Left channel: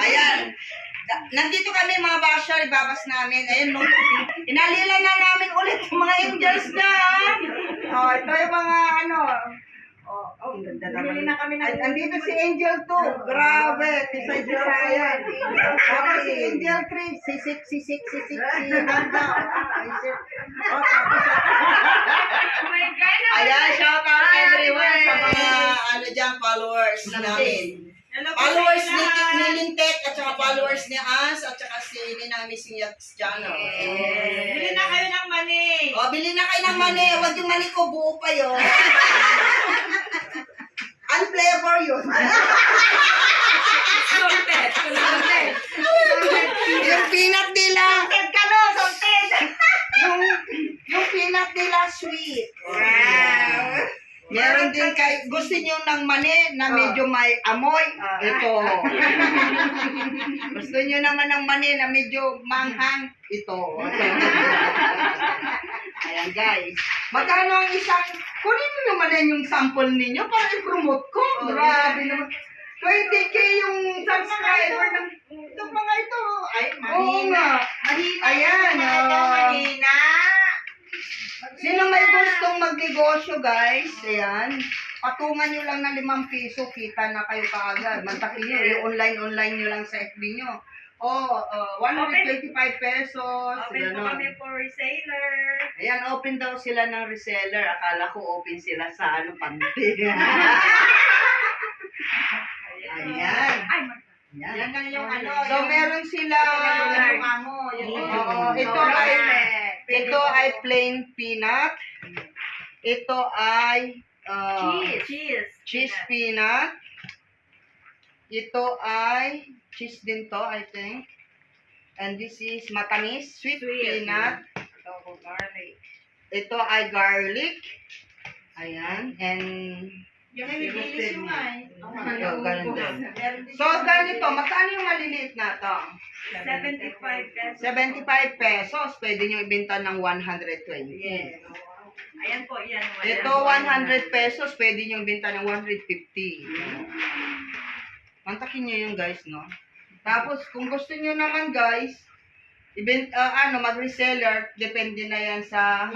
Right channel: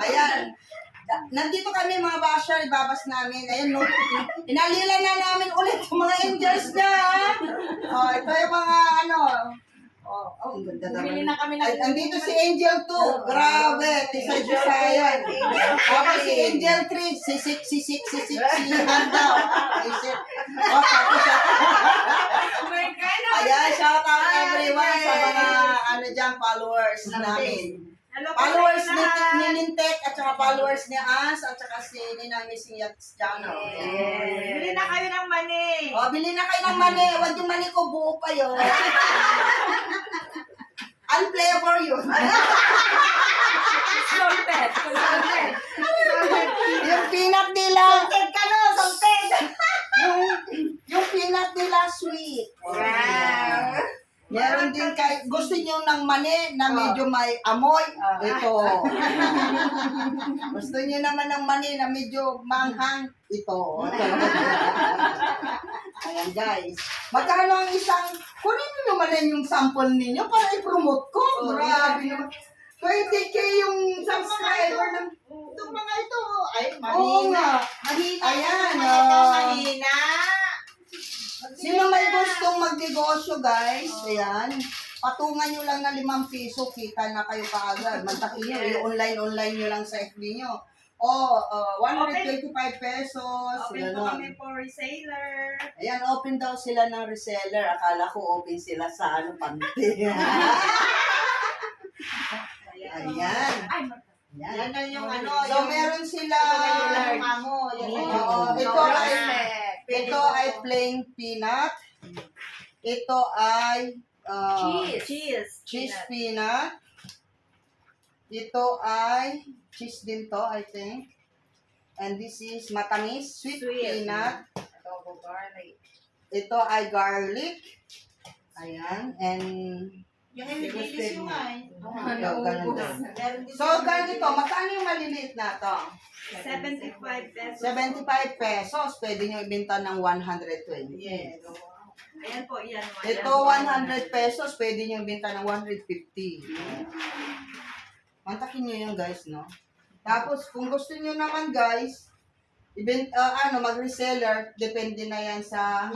Ayan. Nandito kami mga basher, ibabas namin. Ayan, no. Inalila na namin ulit yung mga angels niya. Oh, ito yung mga ano. Oh, ang ganda naman. Bumili na kami ng... Andito si Angel 2. Grabe. Tisay-tisayan. Tapos si Angel 3. Sisik. Si Handa. Oh, tapos siya. Oh my God! Ayan, shout out everyone sa mga ano dyan, followers namin. Hello po Followers sa ni inyo lahat. Nintek at saka followers ni Ans at saka si Ninami Siyats Channel. Bili na kayo ng mani. O, bili na kayo ng mani. Huwag yung mani ko, buo pa yun. Unflavor yun. Salted. Yung peanut nila. Salted ka no, salted. Yung peanut nila sweet. Wow. Meron din kay, gusto nyo ng mani na medyo may amoy? Ito. Gusto nyo naman ng mani na medyo manghang? Ito. Ayan guys. Magkano ang isang, kunin nyo naman yan yung sample ninyo para i-promote ko. Grabe naman. 20K yung subscriber ng itong mga ito. Ay, oo nga. Ayan. Mahina. Sino may gustong magnegosyo, guys? Ayan. Patungan nyo lang na 5 piso, kita na kayo kaagad. Mantakin nyo, i-online nyo lang sa FB nyo. O, 125 pesos. Open po Ganon. kami for reseller. Ayan, open daw sila ng reseller. Akala ko open sila sa ano, panty. Ayan. Ay, Ayan. lang yung ano. So, meron sila. Oo, ito ay plain peanut. Ito ay cheese peanut. Ito ay cheese din to, I think. And this is matamis, sweet peanut. Ito ay garlic. Ayan. And Yung ibibilis yung ay. ganun din. So, ganito, magkano yung maliliit na to? 75 pesos. 75 pesos. Pwede nyo ibenta ng 120. Yes. Ayan po, yan. Ito, 100 pesos. Pwede nyo ibenta ng 150. Mantakin nyo yun, guys, no? Tapos, kung gusto nyo naman, guys, mag-reseller, depende na yan sa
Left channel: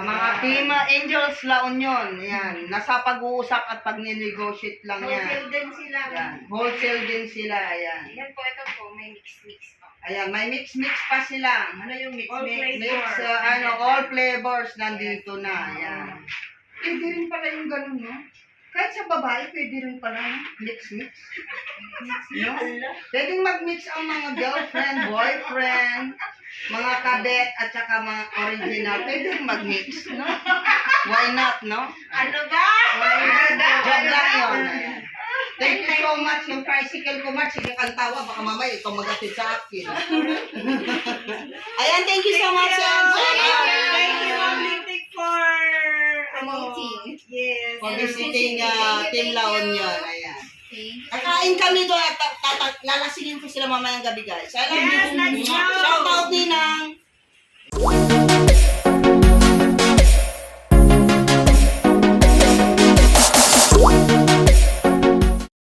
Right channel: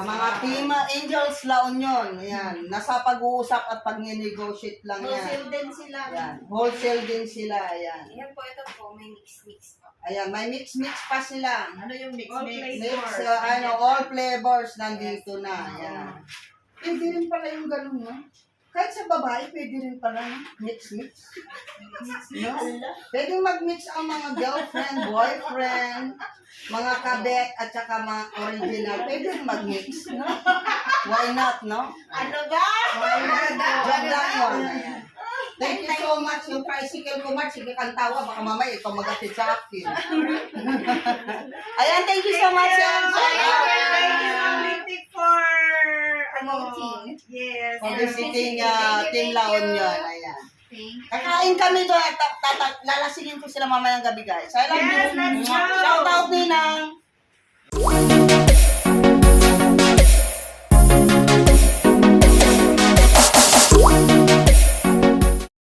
mga Team Angels La Union. Ayan. Nasa pag-uusap at pag-negotiate lang yan. Wholesale din sila. Ayan. Wholesale din sila. Ayan. Ayan po, ito po, may mix-mix po. Ayan, may mix-mix pa sila. Ano yung mix-mix? All flavors nandito na. Ayan. Pwede rin pala yung ganun, no? Kahit sa babae, pwede rin pala, no? Mix-mix. No? Pwede mag-mix ang mga girlfriend, boyfriend, mga kadet, at saka mga original. Pwede rin mag-mix, no? Why not, no? Ano ba? Why not? Job lang yun. Ayan. Thank you so much. Yung tricycle ko, Mark, sige kang tawa. Baka mamaya ikaw mag-atid sa akin. Ayan, thank you so much. Thank you, Ma'am Lintik, for Promoting. Yes. For visiting Team La Union. Ayan. Thank you. Kakain kami doon at lalasingin ko sila mamayang gabi, guys. I love Yes, you. let's go. Shout out, Ninang.